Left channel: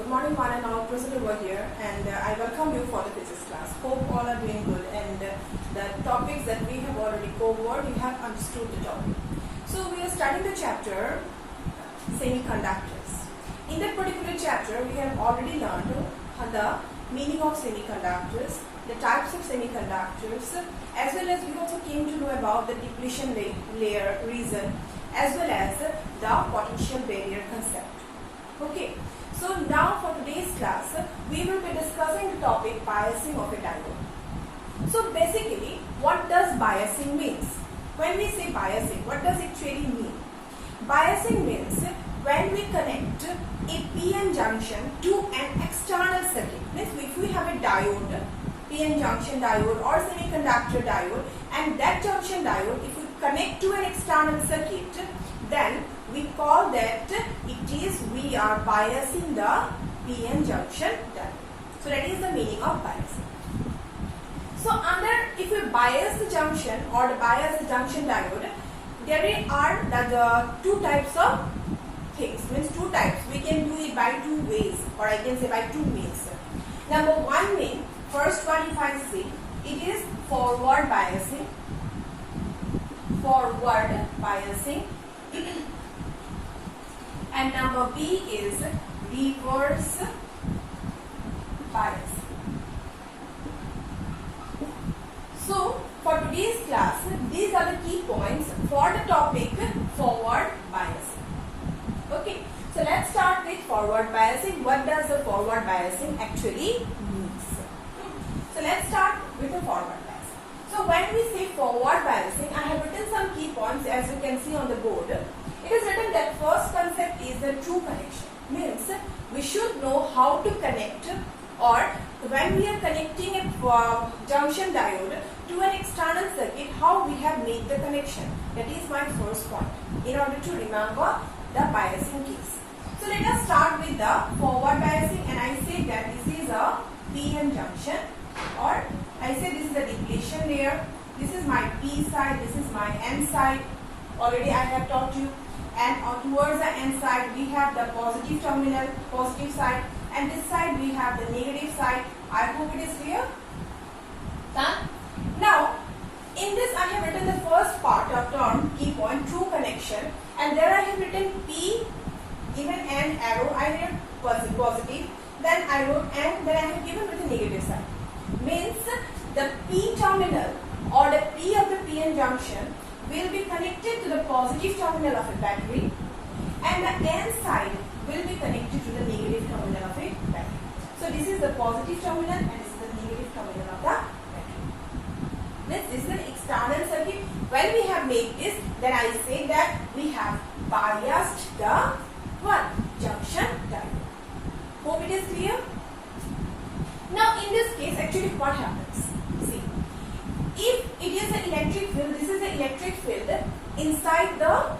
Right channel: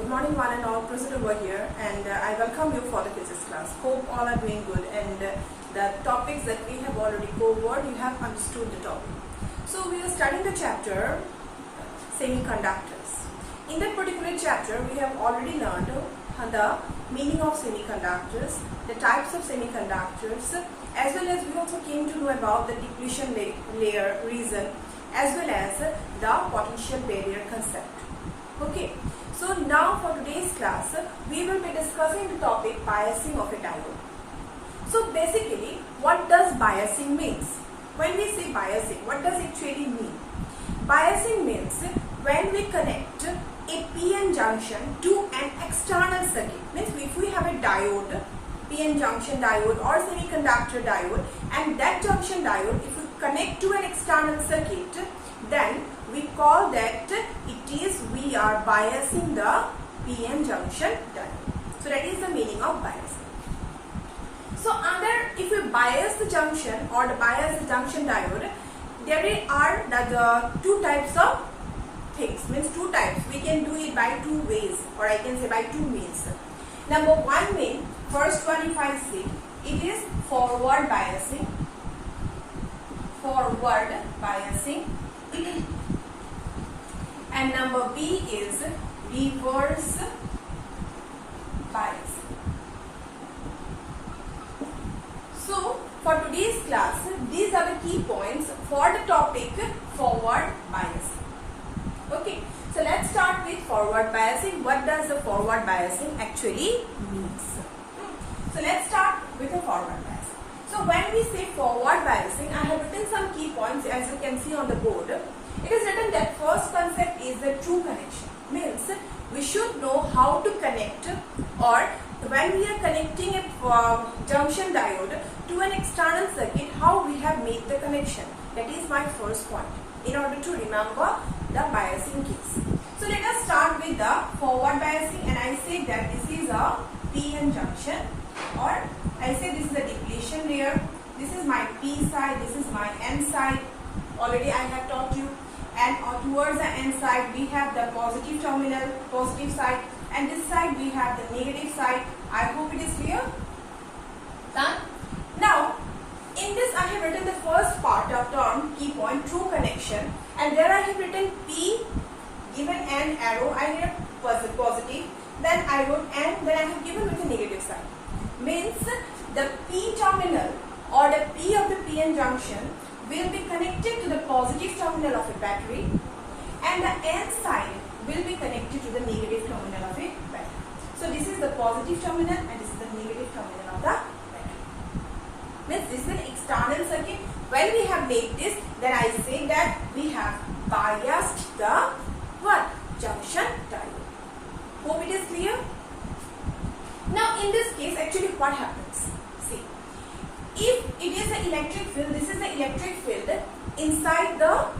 Good morning one and all, present over here, and I welcome you for the physics class. Hope all are doing good, and the topics that we have already covered, you have understood the topic. So we are studying the chapter semiconductors. In that particular chapter, we have already learned the meaning of semiconductors, the types of semiconductors, as well as we also came to know about the depletion layer reason, as well as the potential barrier concept. Okay, so now for today's class, we will be discussing the topic biasing of a diode. So basically, what does biasing means? When we say biasing, what does it really mean? Biasing means when we connect a PN junction to an external circuit. Means if we have a diode, PN junction diode or semiconductor diode, and that junction diode, if we connect to an external circuit, then we call that we are biasing the PN junction diode. So that is the meaning of biasing. So if we bias the junction or bias the junction diode, there are the two types of things. Means two types. We can do it by two ways, or I can say by two means. Number one mean, first one if I say, it is forward biasing. Forward biasing. And number B is reverse bias. So for today's class, these are the key points for the topic forward biasing. Okay, so let's start with forward biasing. What does the forward biasing actually means? So let's start with the forward biasing. So when we say forward biasing, I have written some key points as you can see on the board. It is written that first concept is the true connection. Means we should know how to connect, or when we are connecting a junction diode to an external circuit, how we have made the connection. That is my first point in order to remember the biasing case. So let us start with the forward biasing, and I say that this is a PN junction, or I say this is a depletion layer. This is my P side, this is my N side. Already I have taught you. And towards the N side we have the positive terminal, positive side, and this side we have the negative side. I hope it is clear. Done? Now, in this I have written the first part of term, key point, true connection, and there I have written P, given an arrow, I have positive, then I wrote N, then I have given with the negative side. Means the P terminal or the P of the PN junction will be connected to the positive terminal of a battery, and the N side will be connected to the negative terminal of a battery. So this is the positive terminal and this is the negative terminal of the battery. Means this is an external circuit. When we have made this, then I say that we have biased the junction diode. Hope it is clear. Now in this case, actually what happens? See, if it is the electric field, this is the electric field inside the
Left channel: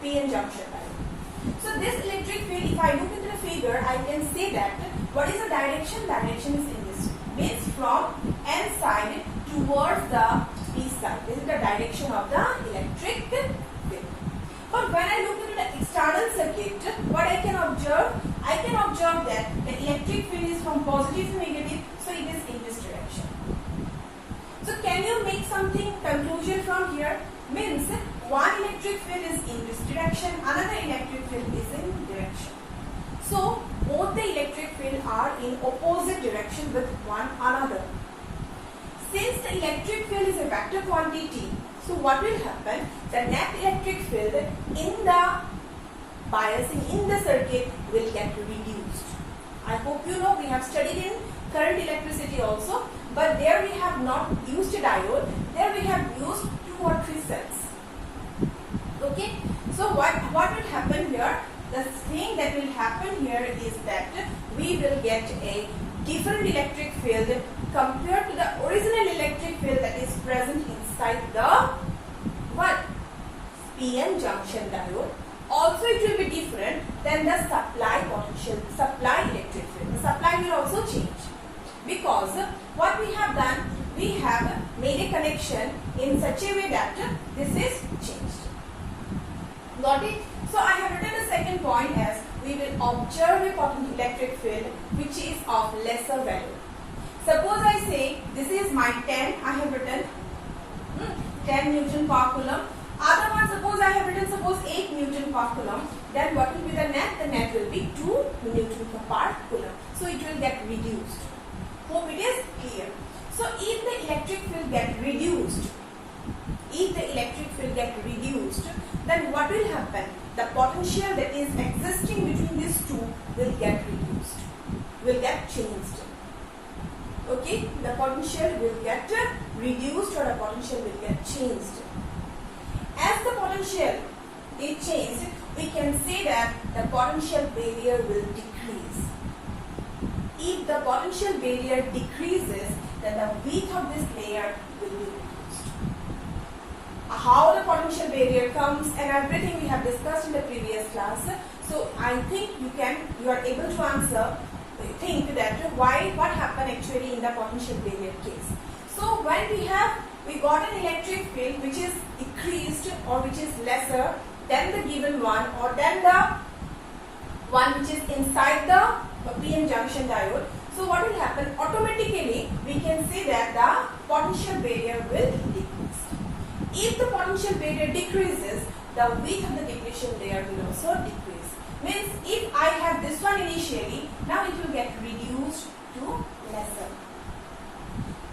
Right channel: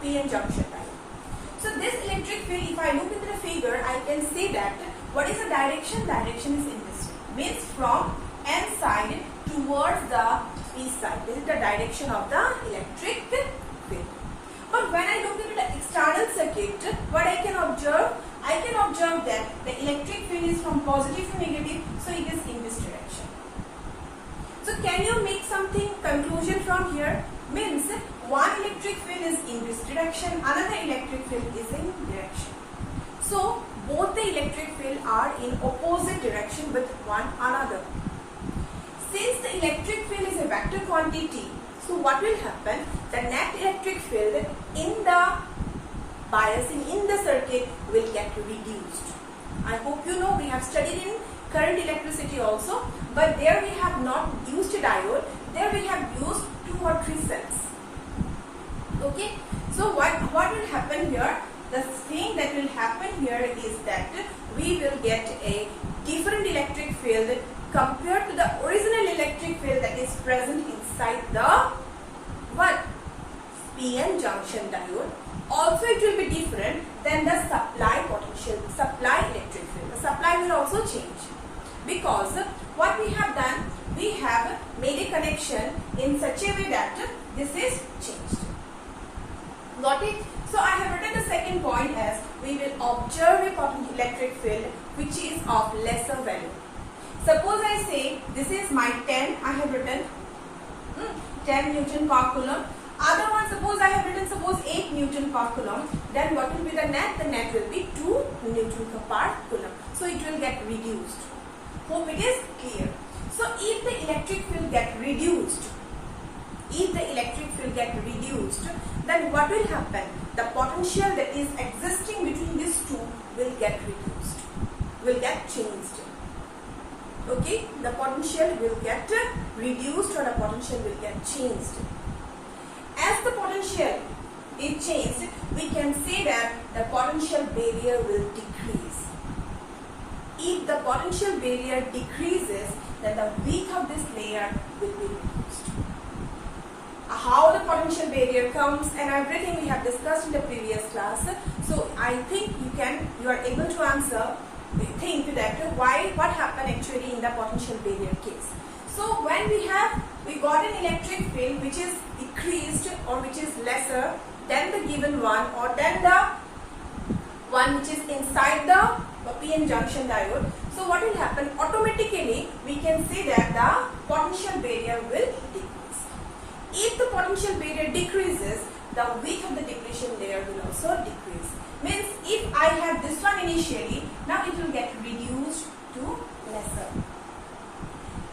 PN junction diode. So this electric field, if I look into the figure, I can say that what is the direction? Direction is in this way. Means from N side towards the P side. This is the direction of the electric field. But when I look into the external circuit, what I can observe? I can observe that the electric field is from positive to negative, so it is in this direction. So can you make something conclusion from here? Means one electric field is in this direction, another electric field is in direction. So both the electric field are in opposite direction with one another. Since the electric field is a vector quantity, so what will happen? The net electric field in the biasing in the circuit will get reduced. I hope you know, we have studied in current electricity also, but there we have not used a diode, there we have used 2 or 3 cells. Okay, so what will happen here? The thing that will happen here is that we will get a different electric field compared to the original electric field that is present inside the PN junction diode. Also it will be different than the supply potential, supply electric field. The supply will also change, because what we have done, we have made a connection in such a way that this is changed. Got it? So I have written the second point as we will observe a potential electric field which is of lesser value. Suppose I say this is my 10, I have written 10 Newton per coulomb. Other one, suppose I have written 8 Newton per coulomb, then what will be the net? The net will be 2 Newton per coulomb. So it will get reduced. Hope it is clear. So if the electric field get reduced, then what will happen? The potential that is existing between these two will get reduced, will get changed. Okay, the potential will get reduced or the potential will get changed. As the potential is changed, we can say that the potential barrier will decrease. If the potential barrier decreases, then the width of this layer will be reduced. How the potential barrier comes and everything we have discussed in the previous class. So I think you are able to answer, think that what happened actually in the potential barrier case. So when we got an electric field which is decreased or which is lesser than the given one or than the one which is inside the PN junction diode. So what will happen? Automatically we can say that the potential barrier will decrease. If the potential barrier decreases, the width of the depletion layer will also decrease. Means if I have this one initially, now it will get reduced to lesser.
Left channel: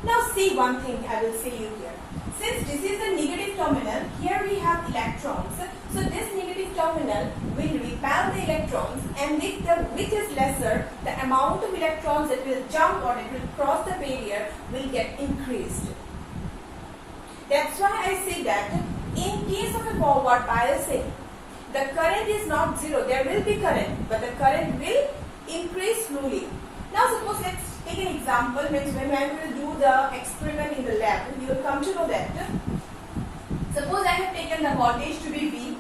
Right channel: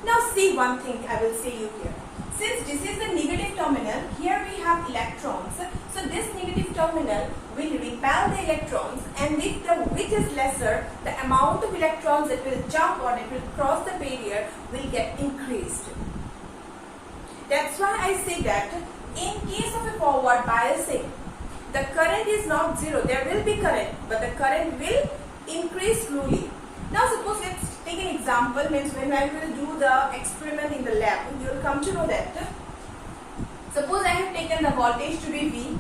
Now see one thing I will say you here. Since this is the negative terminal, here we have electrons. So this negative terminal will repel the electrons, and if the width is lesser, the amount of electrons that will jump or that will cross the barrier will get increased. That's why I say that in case of a forward biasing, the current is not zero. There will be current, but the current will increase slowly. Now suppose let's take an example, means when I will do the experiment in the lab, you will come to know that. Suppose I have taken the voltage to be V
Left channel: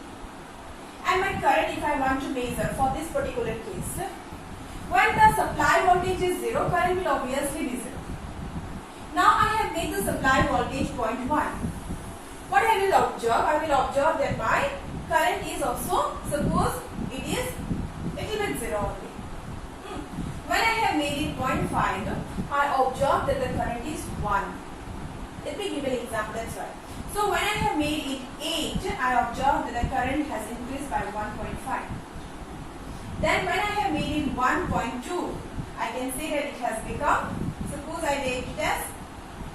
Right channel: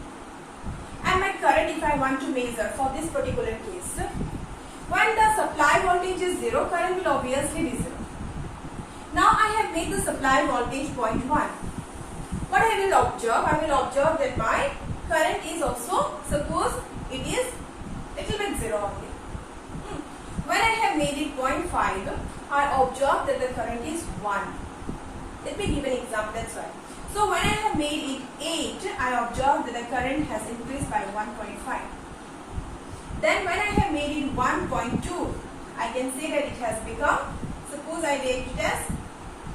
and my current if I want to measure for this particular case. When the supply voltage is 0, current will obviously be 0. Now I have made the supply voltage 0.1. What I will observe? I will observe that my current is also, suppose it is little bit 0 only. When I have made it 0.5, I observe that the current is 1. Let me give an example, that's why. So when I have made it 8, I observe that the current has increased by 1.5. Then when I have made it 1.2, I can say that it has become, suppose I rate it as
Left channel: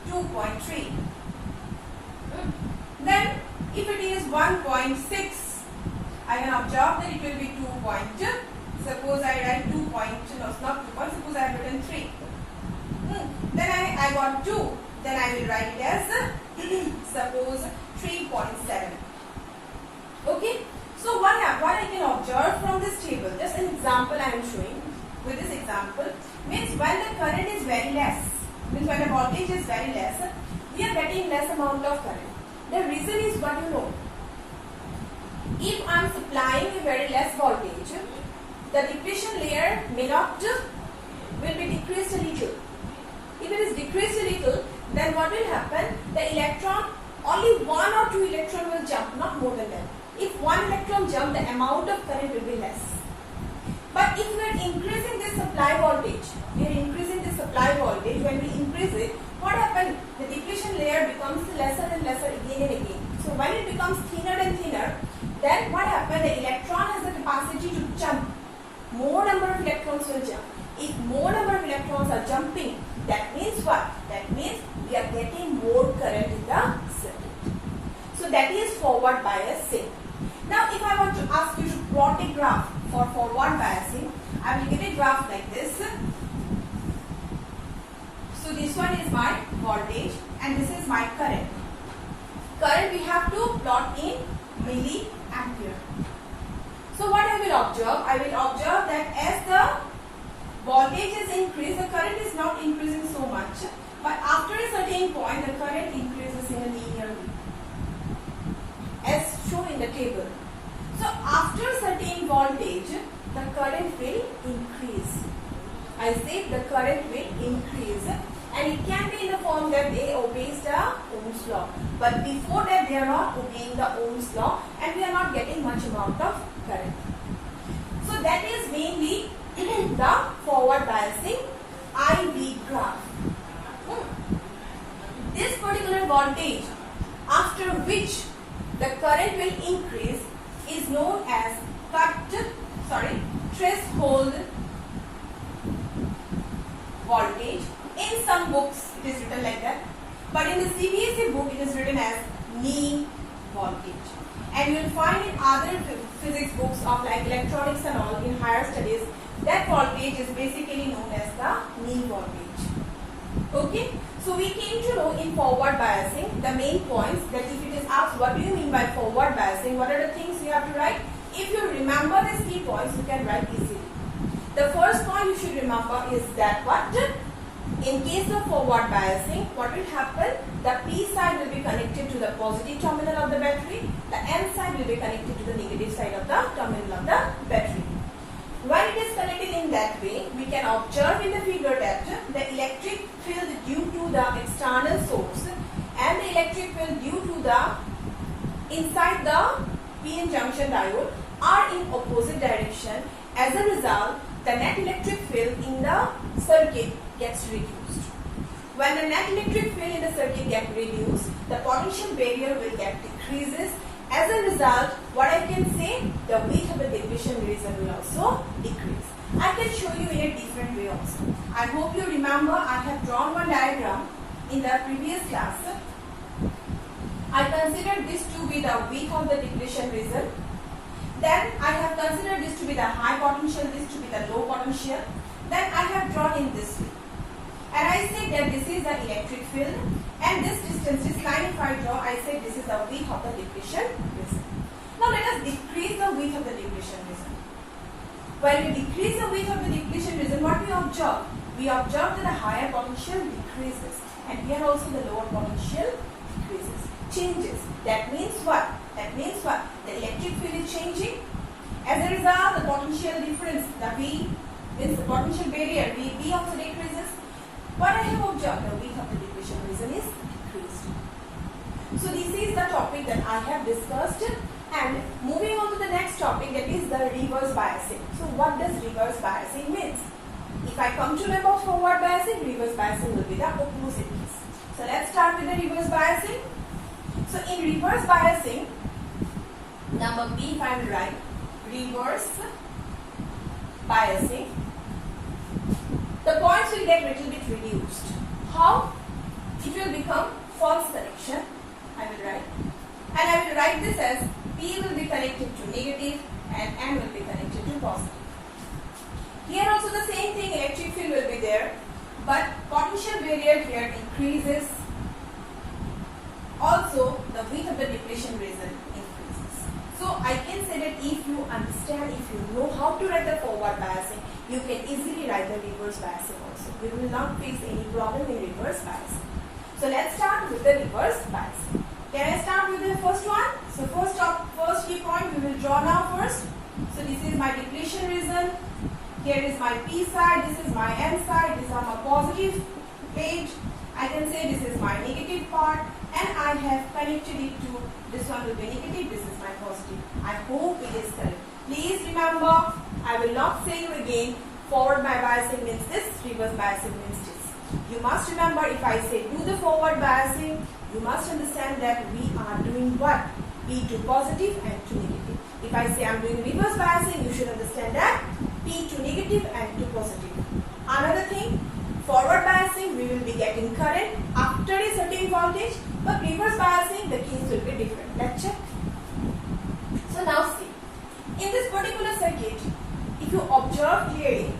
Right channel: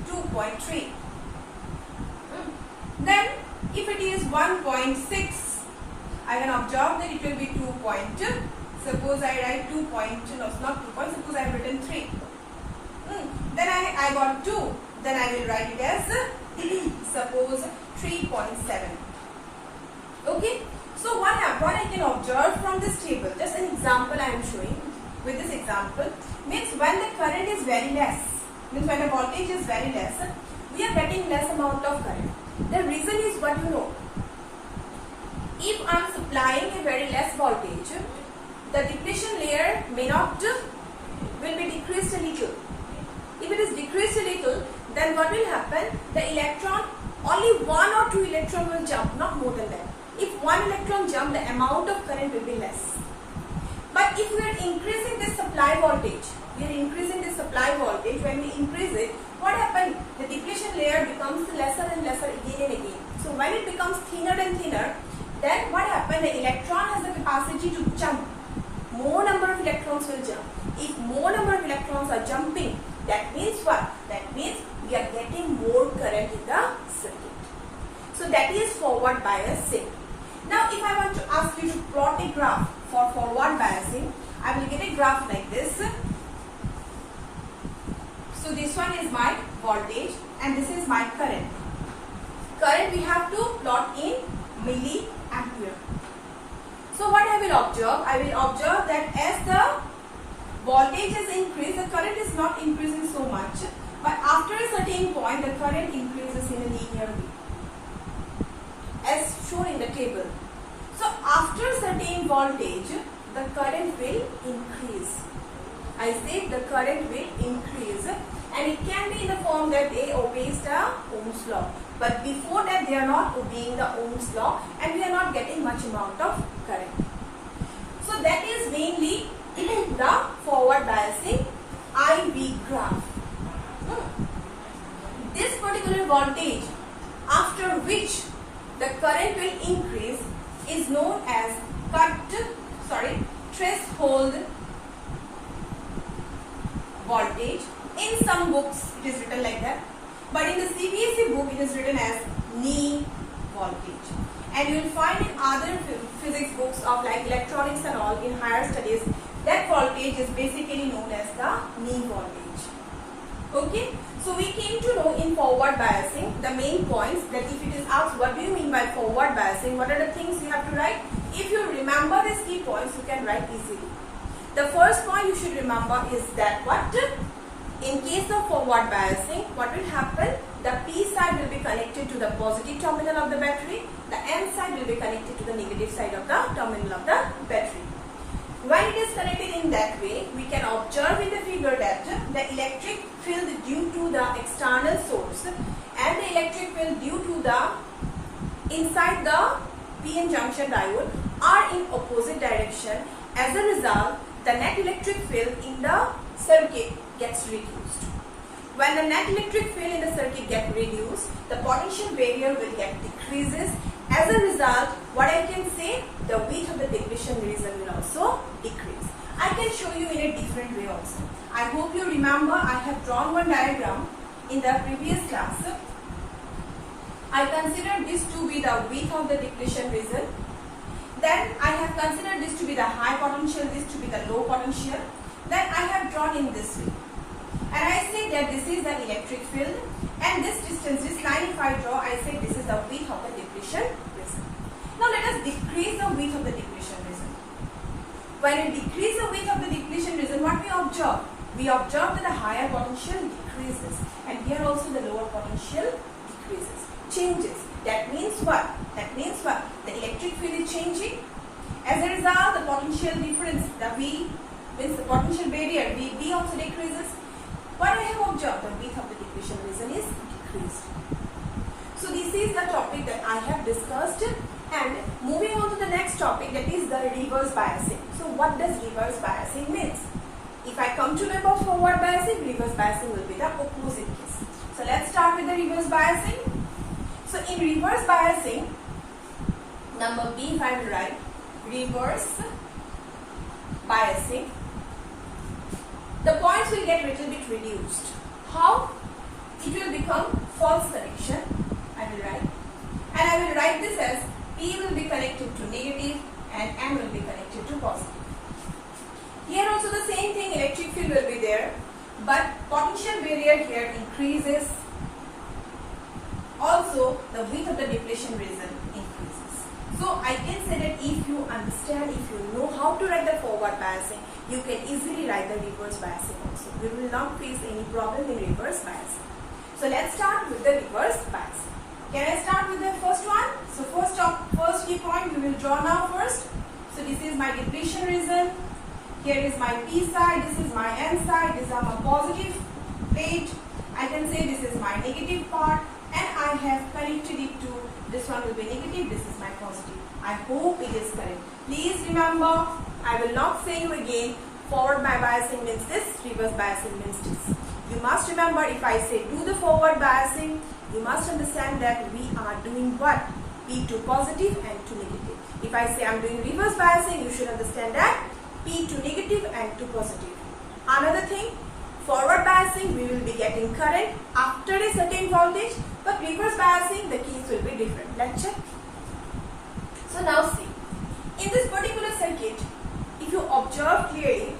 2.3. Then if it is 1.6, I can observe that it will be 2.2. Suppose I write 2 point, no, it's not 2 point, suppose I have written 3. Then I got 2, then I will write it as, suppose 3.7. Okay, so what I can observe from this table, just an example I am showing, with this example, means when the current is very less, means when the voltage is very less, we are getting less amount of current. The reason is what you know. If I am supplying a very less voltage, the depletion layer will be decreased a little. If it is decreased a little, then what will happen? The electron, only 1 or 2 electron will jump, not more than that. If 1 electron jump, the amount of current will be less. But if we are increasing this supply voltage, when we increase it, what happens? The depletion layer becomes lesser and lesser again and again. So when it becomes thinner and thinner, then what happens? The electron has the capacity to jump. More number of electrons will jump. If more number of electrons are jumping, that means what? That means we are getting more current in the circuit. So that is forward biasing. Now if I want to ask you to plot a graph for forward biasing, I will get a graph like this. So this one is my voltage and this is my current. Current we have to plot in milliampere. So what I will observe? I will observe that as the voltage is increased, the current is not increasing so much. But after a certain point, the current increases in a linear way, as shown in the table. So after a certain voltage, the current will increase. I say the current will increase, and it can be in the form that A obeys the Ohm's law. but before that they are not obeying the Ohm's law and we are not getting much amount of current. So that is mainly the forward biasing IV graph. This particular voltage after which the current will increase is known as threshold voltage. In some books it is written like that, but in the CBSE book it is written as knee voltage. And you will find in other physics books of like electronics and all in higher studies, that voltage is basically known as the knee voltage. Okay, so we came to know in forward biasing the main points, that if it is asked what do you mean by forward biasing, what are the things you have to write. If you remember these key points, you can write easily. The first point you should remember is that what in case of forward biasing, what will happen, the P side will be connected to the positive terminal of the battery, the N side will be connected to the negative side of the terminal of the battery. When it is connected in that way, we can observe in the figure that the electric field due to the external source and the electric field due to the inside the PN junction diode are in opposite direction. As a result, the net electric field in the circuit gets reduced. When the net electric field in the circuit gets reduced, the potential barrier will get decreases. As a result, what I can say, the width of the depletion region will also decrease. I can show you in a different way also. I hope you remember I have drawn one diagram in the previous class. I considered this to be the width of the depletion region. Then I have considered this to be the high potential, this to be the low potential. Then I have drawn in this way. And I say that this is the electric field, and this distance, this line if I draw, I say this is the width of the depletion region. Now let us decrease the width of the depletion region. When we decrease the width of the depletion region, what we observe? We observe that the higher potential decreases, and here also the lower potential decreases, changes. That means what? That means what? The electric field is changing. As a result, the potential difference, the V means the potential barrier, VB also decreases. What I have observed, the width of the depletion region is decreased. So this is the topic that I have discussed, and moving on to the next topic, that is the reverse biasing. So what does reverse biasing means? If I come to know about forward biasing, reverse biasing will be the opposite case. So let's start with the reverse biasing. So in reverse biasing, number B if I will write, reverse biasing, the points will get little bit reduced. How? It will become false connection, I will write. And I will write this as P will be connected to negative and N will be connected to positive. Here also the same thing, electric field will be there, but potential barrier here increases. Also, the width of the depletion region increases. So I can say that if you understand, if you know how to write the forward biasing, you can easily write the reverse biasing also. We will not face any problem in reverse biasing. So let's start with the reverse biasing. Can I start with the first one? So first key point we will draw now first. So this is my depletion region. Here is my P side, this is my N side, this is my positive plate. I can say this is my negative part, and I have connected it to, this one will be negative, this is my positive. I hope it is correct. Please remember, I will not say you again, forward biasing means this, reverse biasing means this. You must remember, if I say do the forward biasing, you must understand that we are doing what? P to positive and to negative. If I say I am doing reverse biasing, you should understand that P to negative and to positive. Another thing, forward biasing, we will be getting current after a certain voltage, but reverse biasing, the case will be different. Let's check. So now see, in this particular circuit, if you observe clearly,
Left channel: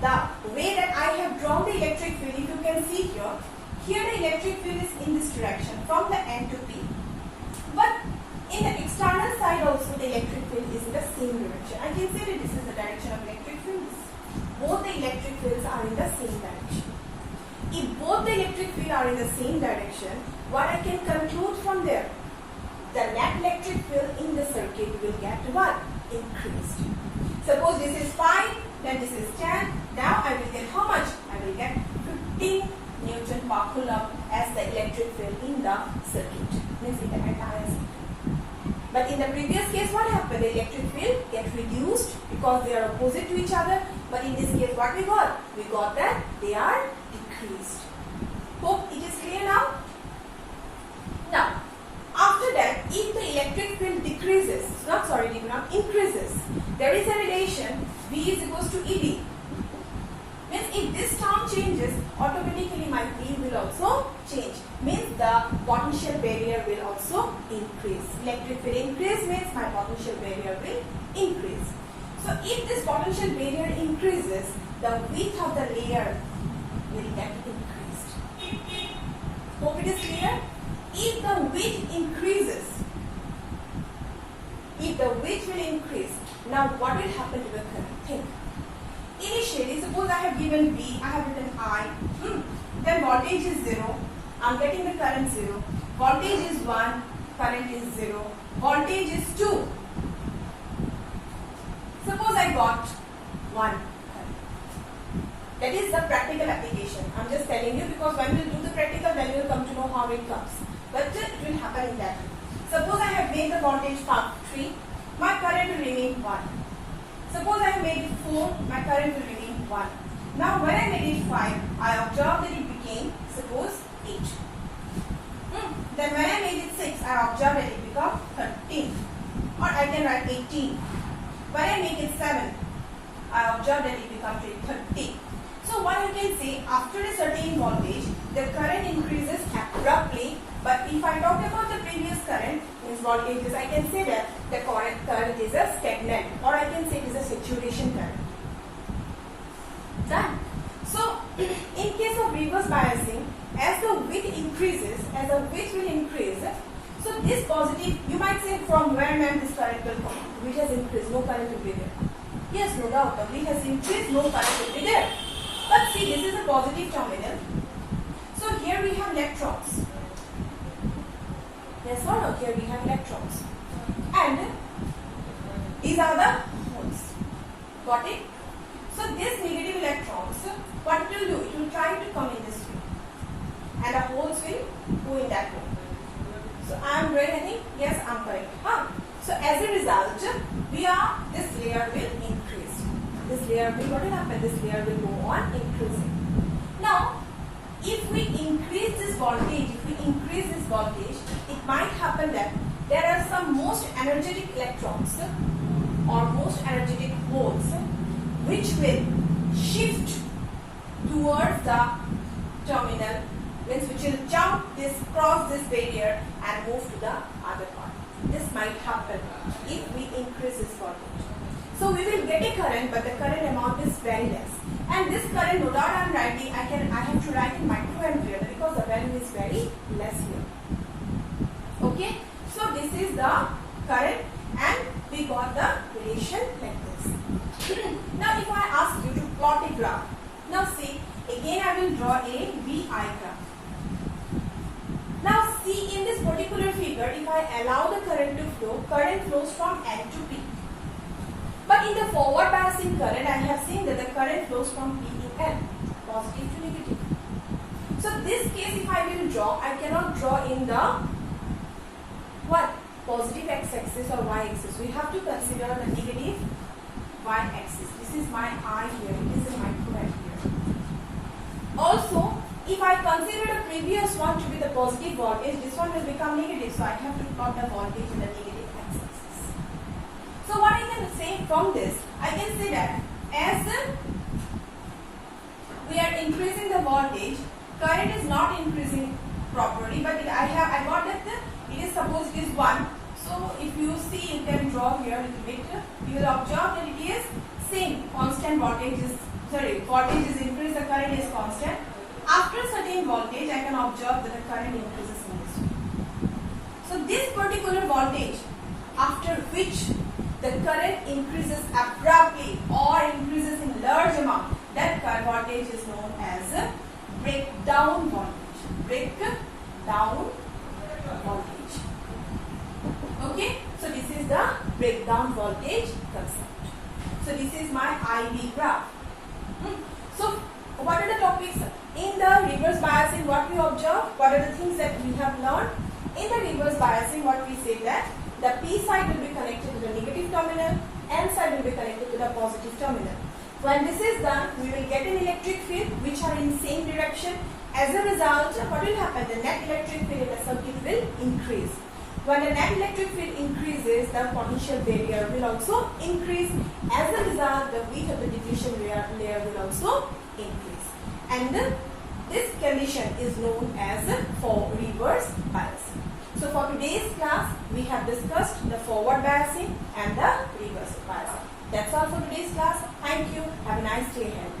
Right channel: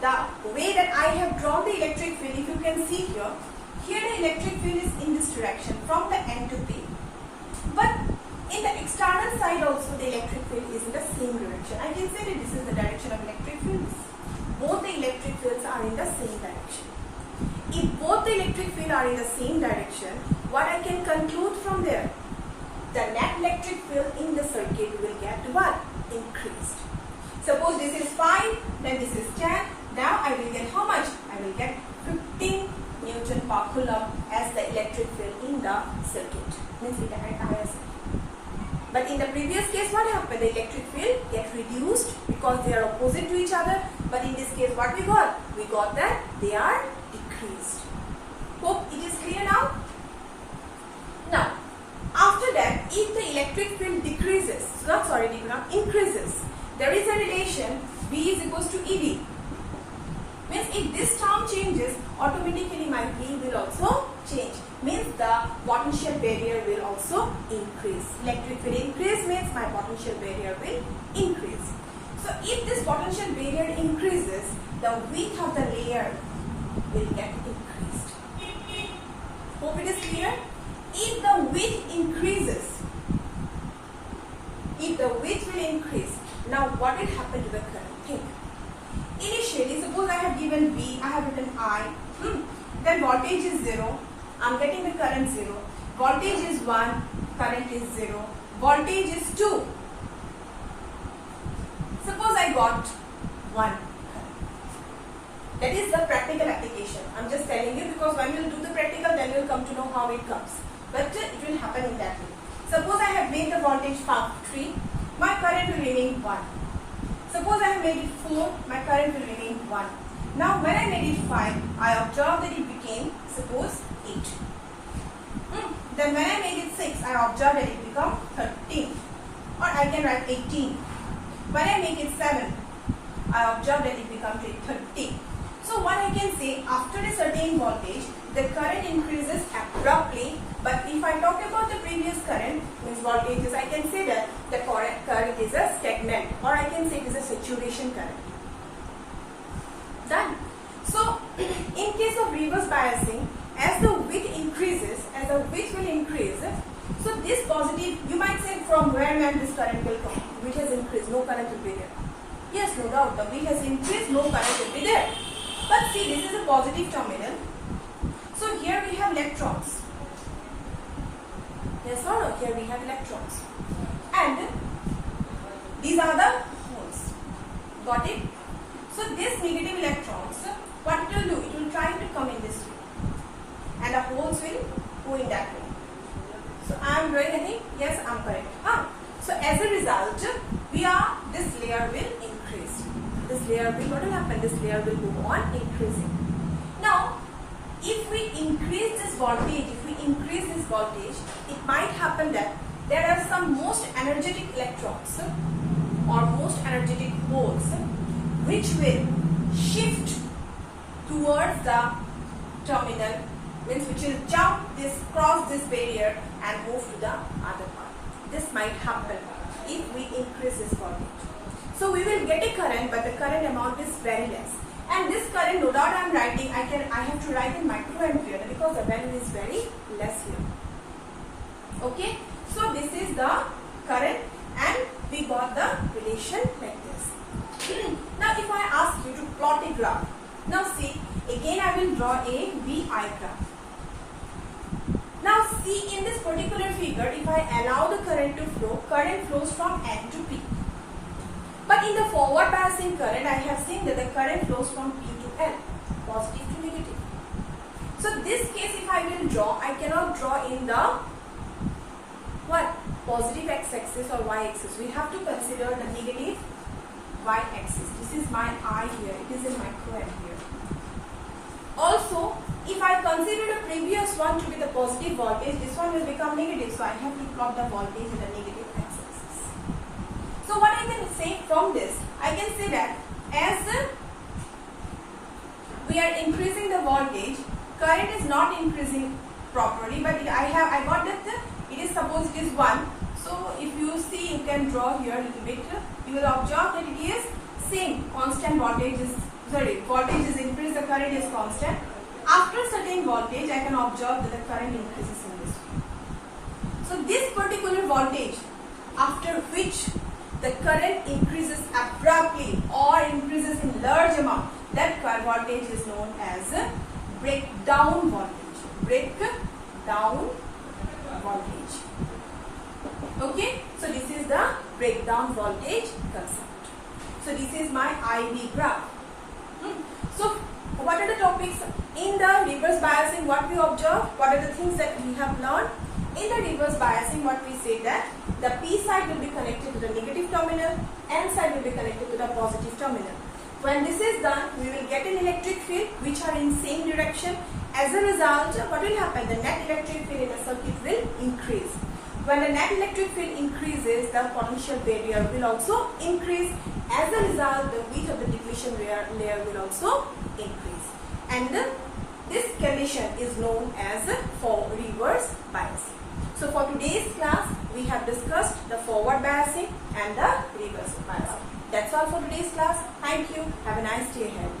the way that I have drawn the electric field, if you can see here the electric field is in this direction from the N to P, but in the external side also the electric field is in the same direction. I can say that this is the direction of electric fields. Both the electric fields are in the same direction. If both the electric field are in the same direction, what I can conclude from there? The net electric field in the circuit will get what? Increased. Suppose this is 5, then this is 10. Now I will get how much? I will get 15 Newton per Coulomb as the electric field in the circuit. means it entire circuit. But in the previous case, what happened? The electric field gets reduced because they are opposite to each other. But in this case, what we got? We got that they are decreased. Hope it is clear now? Now, after that, if the electric field increases, there is a relation V is equals to EB. Means if this term changes, automatically my V will also change. Means the potential barrier will also increase. Electric field increase means my potential barrier will increase. So if this potential barrier increases, the width of the layer will get increased. Hope it is clear? If the width increases, if the width will increase, now what will happen to the current? Think. Initially, suppose I have given V, I have written I, then voltage is 0, I am getting the current 0, voltage is 1, current is 0, voltage is 2. Suppose I got 1 current. That is the practical application. I am just telling you because when you will do the practical, then you will come to know how it comes. But it will happen in that way. Suppose I have made the voltage 3, my current will remain 1. Suppose I have made it 4, my current will remain 1. Now when I made it 5, I observed that it became, suppose, 8. Then when I made it 6, I observed that it became 13. Or I can write 18. When I make it 7, I observed that it becomes 30. So what I can say, after a certain voltage, the current increases abruptly. But if I talk about the previous current, means voltages, I can say that the current is a stagnant, or I can say it is a saturation current. Done. So in case of reverse biasing, as the width increases, as the width will increase, so this positive, you might say from where man this current will come, which has increased, no current will be there. Yes, no doubt, the width has increased, no current will be there. But see, this is a positive terminal. So here we have electrons. Yes or no? Here we have electrons. And these are the holes. Got it? So this negative electrons, what it will do? It will try to come in this way. And the holes will go in that way. So I am doing anything? Yes, I am correct. So as a result, this layer will increase. This layer will, what will happen? This layer will go on increasing. Now, if we increase this voltage, it might happen that there are some most energetic electrons or most energetic holes which will shift towards the terminal, means which will cross this barrier and move to the other part. This might happen if we increase this voltage. So we will get a current, but the current amount is very less. And this current, no doubt I am writing, I have to write in microampere because the value is very less here. Okay, so this is the current and we got the relation like this. Now if I ask you to plot a graph, now see, again I will draw a VI graph. Now see, in this particular figure, if I allow the current to flow, current flows from N to P. But in the forward biasing current, I have seen that the current flows from P to N, positive to negative. So this case, if I will draw, I cannot draw in the what? Positive x-axis or y-axis. We have to consider the negative y-axis. This is my I here. It is in microampere. Also, if I consider the previous one to be the positive voltage, this one will become negative. So I have to plot the voltage in the negative x-axis. So what I can say from this, I can say that as we are increasing the voltage, current is not increasing properly, but I got that it is supposed it is 1. So if you see, you can draw here a little bit. You will observe that it is same constant voltage is voltage is increased, the current is constant. After certain voltage, I can observe that the current increases in this way. So this particular voltage, after which the current increases abruptly or increases in large amount, that voltage is known as breakdown voltage. Breakdown voltage. Okay, so this is the breakdown voltage concept. So this is my IV graph. So what are the topics in the reverse biasing? What we observe? What are the things that we have learned? in the reverse biasing, what we say that the P side will be connected to the negative terminal, N side will be connected to the positive terminal. When this is done, we will get an electric field which are in same direction. As a result, what will happen? The net electric field in the circuit will increase. When the net electric field increases, the potential barrier will also increase. As a result, the width of the depletion layer will also increase. And this condition is known as for reverse biasing. So for today's class, we have discussed the forward biasing and the reverse biasing. That's all for today's class. Thank you. Have a nice day ahead.